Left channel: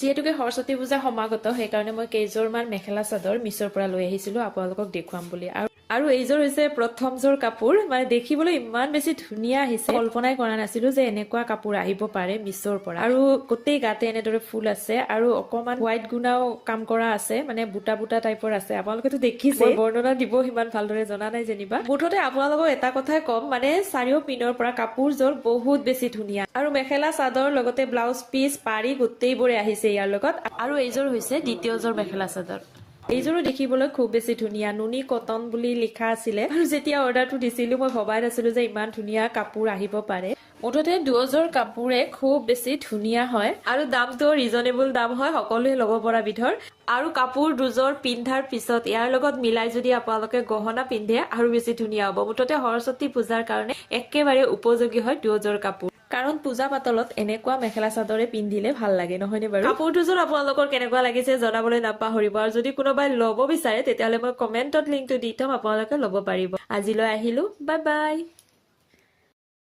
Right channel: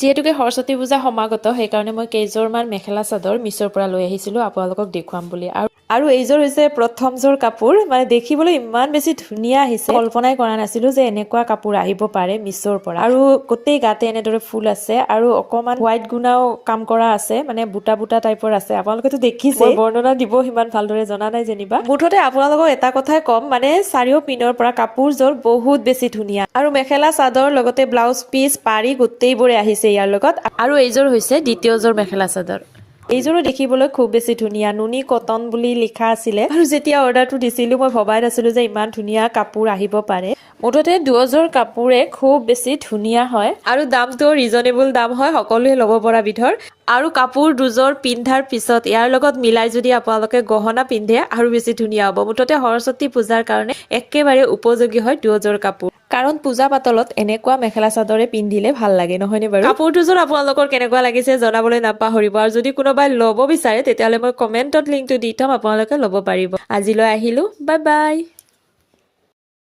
যিহেতুকে সৰস্বতী পূজা সমাগত সেইকাৰণে মই কেইযোৰমান মেখেলা চাদৰ মিছৰ পৰা লৈ আহিছিলোঁ আপোনালোকক দেখুৱাম বুলি। আৰু এইযোৰ হৈছে প্ৰথমযোৰ কাপোৰ, মানে দেখিবলৈ ইমান বেছি ধুনীয়া আহিছে, কল্পনাই কৰা নাছিলোঁ যে এনেকুৱা কাপোৰ আহিব পাৰে মিছৰ পৰা। আৰু গোটেই গাতে এনেদৰে ফুল আছে আৰু অকণমান হোৱাইট গুণাও কাম কৰা আছে, মানে বুটা বুটা টাইপৰ আছে। আপোনালোকেতো দেখিছে, বৰ্ণনা দিব সিমান ভালদৰে জনা নাই যেনিবা। মুঠতে আপোনালোকক এটা কথাই ক'ম, মানে চাৰিও পিনৰ পৰা কাপোৰযোৰ বহুত বেছি ধুনীয়া। আৰু মেখেলা চাদৰ লগতে ব্লাউজ পিচ পাৰি গোটেইবোৰে আহিছে ইয়াৰ লগত। আৰু এইযোৰ হৈছে দ্বিতীয়যোৰ মেখেলা চাদৰ। এইযোৰো দেখিবলৈ খুব বেছি ধুনীয়া, নুনি কটন বুলি লিখা আছিলে। আৰু যেতিয়া অৰ্ডাৰটো দিছিলোঁ মই ভবাই নাছিলোঁ যে ইমান ধুনীয়া কাপোৰ আহিব পাৰে। মুঠতে দুয়োযোৰ কাপোৰে খুব বেছি ধুনীয়া হয় আৰু দামটো ৰিজনেবল দাম হয়, সকলোৱে ল'ব পৰা বিধৰ। আৰু কাপোৰ দুযোৰ পিন্ধাৰ পিছত ইয়াৰ লগত মিলাই যদি আপোনালোকে গহনা পিন্ধে আৰু বেছি ধুনীয়া হ'ব। মুঠতে সৰস্বতী পূজাৰ কাৰণে একেবাৰে উপযোগী হয় দুয়োযোৰ কাপোৰ, কাৰণ পূজা পাতলত এনেকুৱা মেখেলা চাদৰে পিন্ধিলে ভাল লাগে, নহয়নে বাৰু? কাপোৰ দুযোৰ আপোনালোকৰ কেনেকুৱা লাগিছে জনাবলৈ নাপাহৰিব। আৰু যদি কোনোবাই ল'ব বিচাৰে তেতিয়াহ'লে মই কমেণ্টত লিংকটো দি থম, আপোনালোকে ল'ব পাৰিব। আজিলৈ আহিলোঁ, বাই বাই।